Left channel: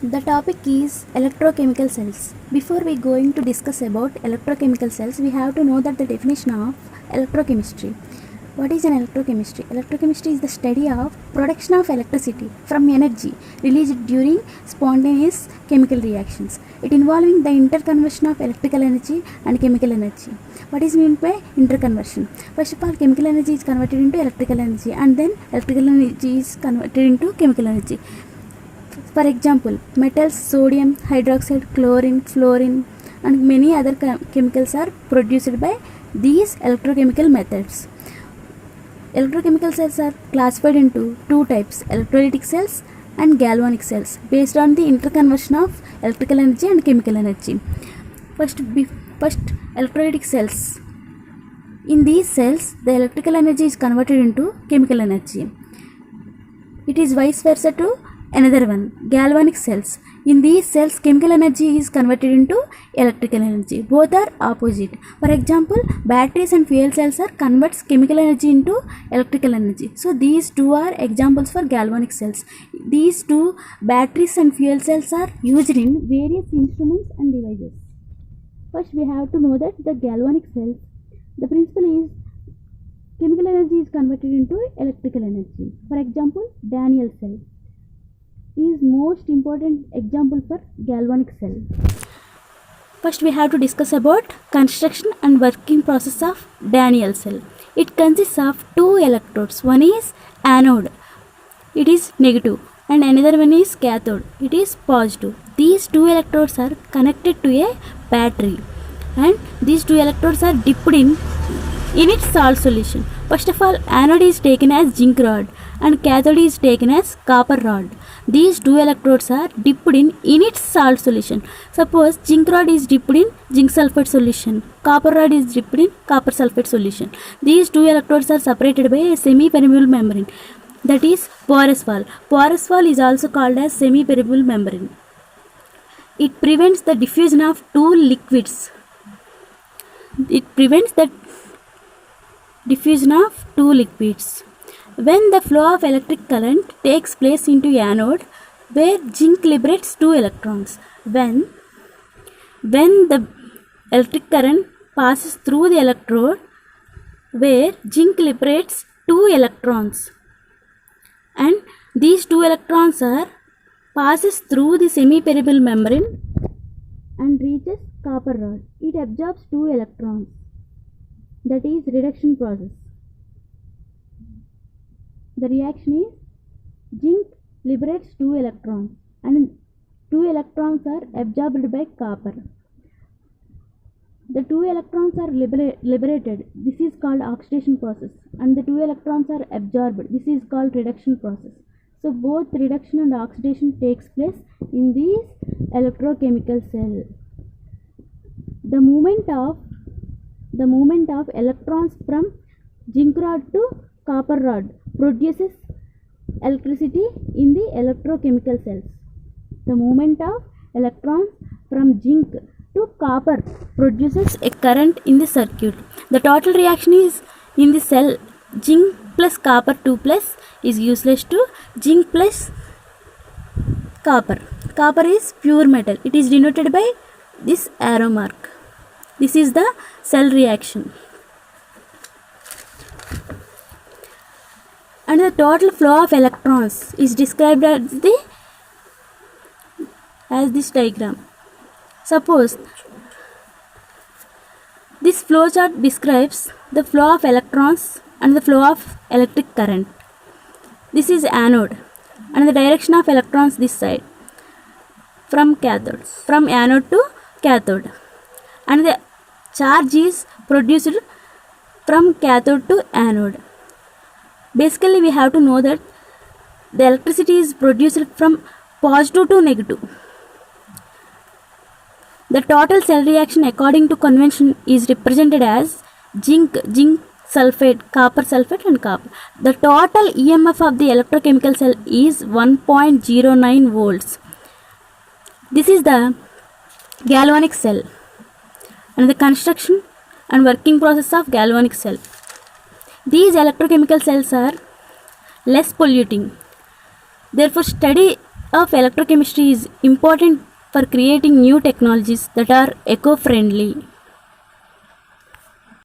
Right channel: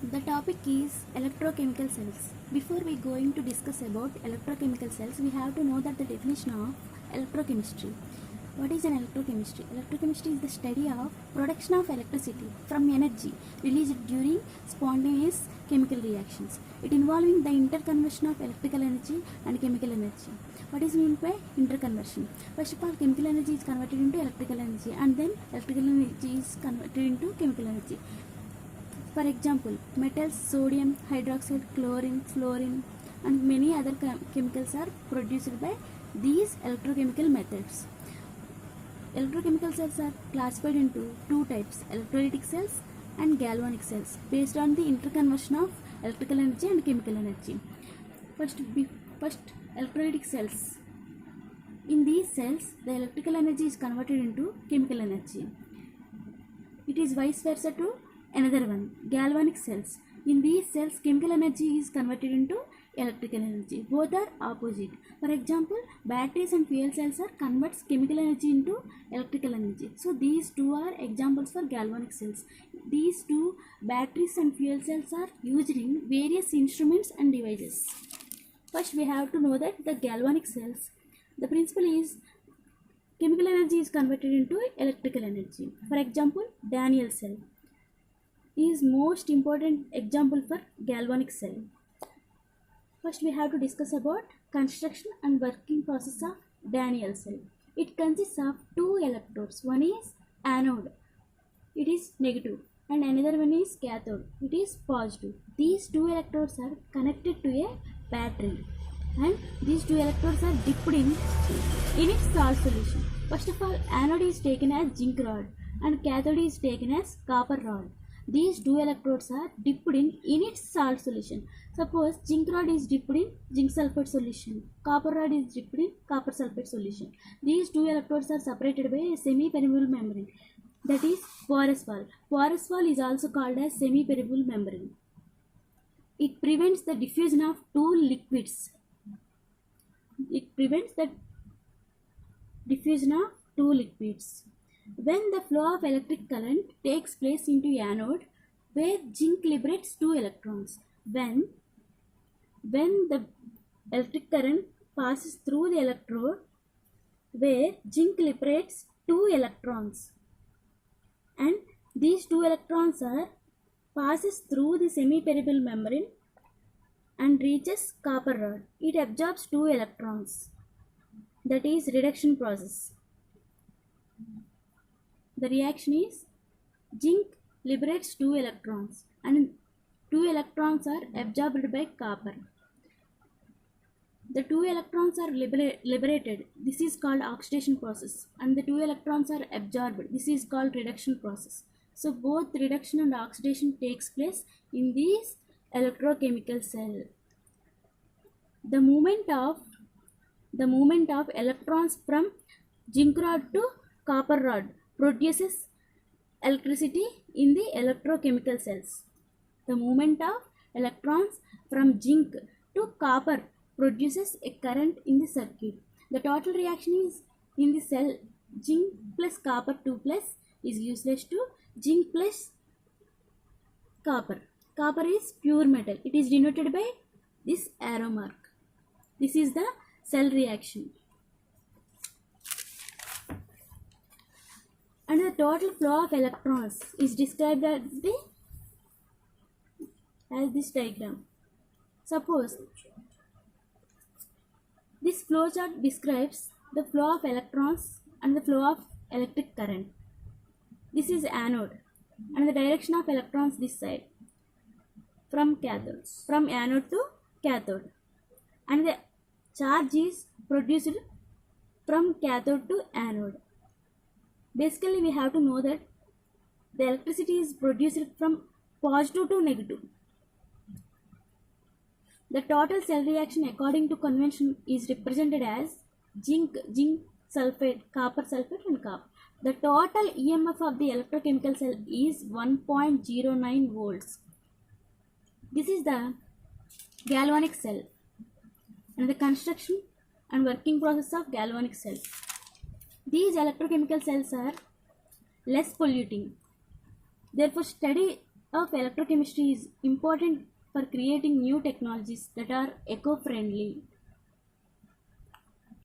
The topic is electrochemical cells. Before we going to discuss about electrochemical cells, we have to know that the definition of electrochemistry. What is an electrochemistry? Electrochemistry is the study of production of electricity from energy released during spontaneous chemical reactions. It involving the interconversion of electrical energy and chemical energy. What is meant by interconversion? First of all, chemical energy is converted into electrical energy, and then electrical energy is converted into chemical energy. For example, metals, sodium hydroxide, chlorine, fluorine, and many other chemicals are produced by these electrochemical methods. Electrochemical cells are classified into two types: electrolytic cells and galvanic cells, based on the interconversion of electrical energy and chemical energy. First, electrolytic cells. In these cells, the electrical energy is converted into chemical energy. It is vice versa to another one, galvanic cells. In these cells, chemical energy is converted into electrical energy. Both are opposite. For example, batteries and fuel cells are converts chemical energy into electrical energy. So these two are examples for galvanic cells. These two, batteries and fuel cells, are used in various instruments and devices. First, we have to know that the galvanic cells, the principle is chemical energy is converted into electrical energy. For example, Daniel cell is most important example for galvanic cell. First, we have to discuss about construction and working process of Daniel cell. It consists of two electrodes. One is anode, it is negative, and another one is cathode, it is positive. These two electrodes are connected to a battery, and these two electrodes are dipped in its salt solution. First of all, anode is taken as zinc rod and cathode is taken as copper rod. These two electrodes are dipped in its salt solution. Suppose zinc rod is dipped in zinc sulfate solution, copper rod is dipped in copper sulfate solution. These two electrodes are separated by a semi-permeable membrane, that is porous wall. Porous wall is also called as semi-permeable membrane. It prevents the diffusion of two liquids. It prevents the diffusion of two liquids. When the flow of electric current takes place into anode, where zinc liberates two electrons. When the electric current passes through the electrode where zinc liberates two electrons, and these two electrons are passes through the semi-permeable membrane and reaches copper rod. It absorbs two electrons. That is reduction process. The reaction is zinc liberates two electrons and two electrons are absorbed by copper. The two electrons are liberated. This is called oxidation process, and the two electrons are absorbed. This is called reduction process. So both reduction and oxidation takes place in this electrochemical cell. The movement of electrons from zinc rod to copper rod produces electricity in the electrochemical cells. The movement of electrons from zinc to copper produces a current in the circuit. The total reaction is in the cell zinc plus copper 2 plus is useless to zinc plus copper. Copper is pure metal. It is denoted by this arrow mark. This is the cell reaction. And the total flow of electrons is described as this diagram. Suppose this flow chart describes the flow of electrons and the flow of electric current. This is anode, and the direction of electrons this side from anode to cathode, and the charge is produced from cathode to anode. Basically, we have to know that the electricity is produced from positive to negative. The total cell reaction according to convention is represented as zinc sulfate, copper sulfate, and copper. The total EMF of the electrochemical cell is 1.09 volts. This is the galvanic cell and the construction and working process of galvanic cell. These electrochemical cells are less polluting. Therefore, study of electrochemistry is important for creating new technologies that are eco-friendly.